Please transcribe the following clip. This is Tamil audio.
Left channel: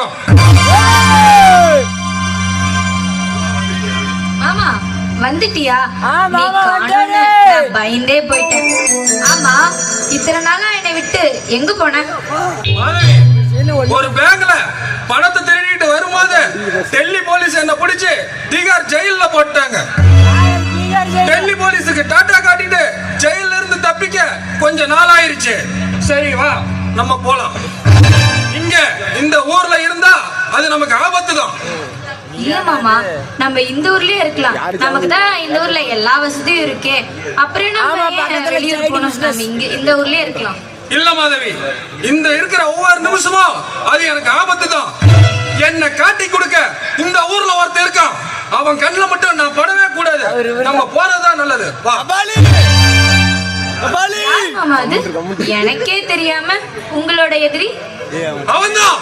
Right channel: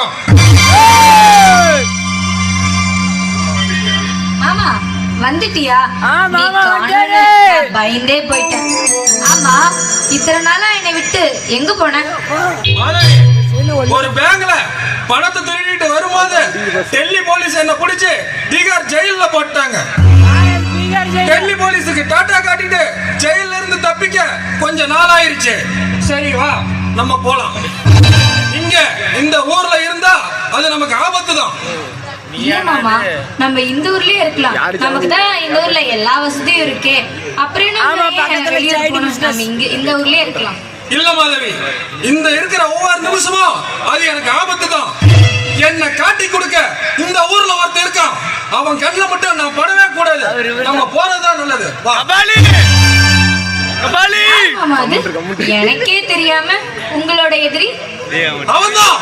இருக்கும். மாமா வந்துட்டியா? நீ காணோன்னு நான் பயந்தே போயிட்டேன். ஆமா, இத்தனை நாளா என்னை விட்டு எங்க போன? ஒரு பேங்க்ல பணத்தை திருடிட்டு வரும்போது டெல்லி போலீஸ் என்ன பிடிச்சு திகார் ஜெயில போட்டாங்க. டெல்லி போலீஸுக்கு டாட்டா காட்டிட்டு ஜெயில இருந்து தப்பிக்க கொஞ்ச நாள் ஆயிருச்சு. சரி வா நம்ம போலாம். இங்க இந்த ஊர்ல இருந்தா அது நமக்கு ஆபத்து தான். இல்ல மாமா, நம்ம இந்த ஊர்லயே இருக்கலாம். நமக்கு தான் இந்த ஊர்ல எல்லா வசதியும் இருக்கே. அப்புறம் நம்ம வெளியூர் போனோம். நம்ம இங்க இந்த ஊர்லயே இருக்கலாம். இல்ல மாதவி, இந்த இருக்கிற ஒவ்வொரு நிமிஷமும் அது எனக்கு ஆபத்து தான். என்ன காட்டி கொடுக்க இந்த ஊர்ல ஒருத்தர் இருக்கான். அவன் கண்ணுல மட்டும் நான் படவே கூடாது. நம்ம போறதா நல்லது. எனக்கே தெரியாம உங்களோட எதிரி அவன்தான்.